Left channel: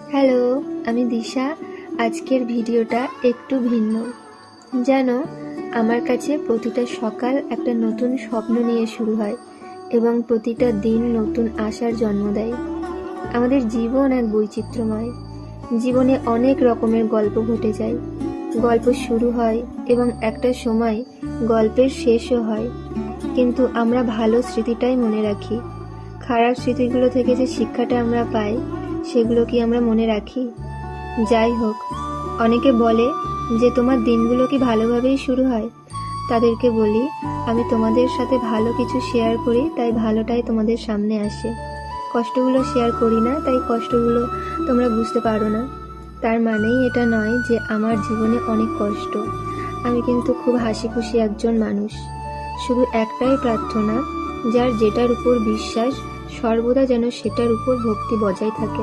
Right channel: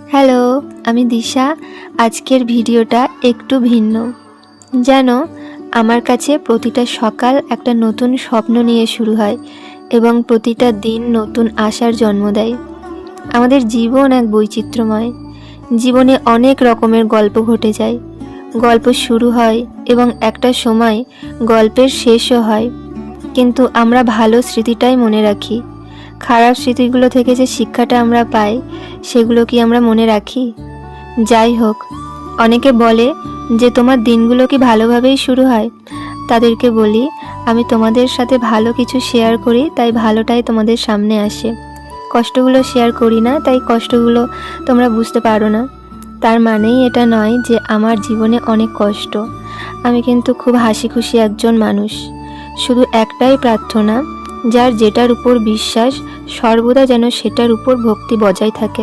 Hello, আমি দিশা। আজকের ভিডিওটা একটু ভিন্ন। জানো, আমার কাছে প্রতিটা সকাল একটা নতুন স্বপ্ন নিয়ে শুরু হয় এবং প্রতিটা দিন নতুন আশার জন্ম দেয়। আমাদের জীবন এক বৈচিত্র্যময়। জীবনে অনেক রকমের গল্প ঘটে যায়। গল্প শুরু হয় এবং একটা সময় গল্পের শেষও হয়, কিন্তু আমরা ভালো স্মৃতিটাই মনে রাখি। খারাপ স্মৃতিগুলো থেকে যে শিক্ষাটা আমরা পাই, সেগুলো কি আমরা মনে রাখি? যাই হোক, অনেকে বলে যে তোমার দিনগুলো কি ভালোভাবেই শুরু হয়। তাদেরকে বলি, আমি তোমাদের সাথে ভালো কিছু শেয়ার করি, তাই ভালোটাই তোমাদের সামনে আসে। কষ্টগুলো শেয়ার করি না, তাই কষ্টগুলো তোমরা বুঝতে পারো না। তার মানেই এটা নয় যে আমার জীবনে অনেক কষ্ট। আমি কিন্তু খুব হাসি খুশি একজন মানুষ। শুধু একটাই প্রার্থনা, যার যেটার উপর বিশ্বাস সর্বদা যেন সেটার উপর ভক্তি বজায় থাকে।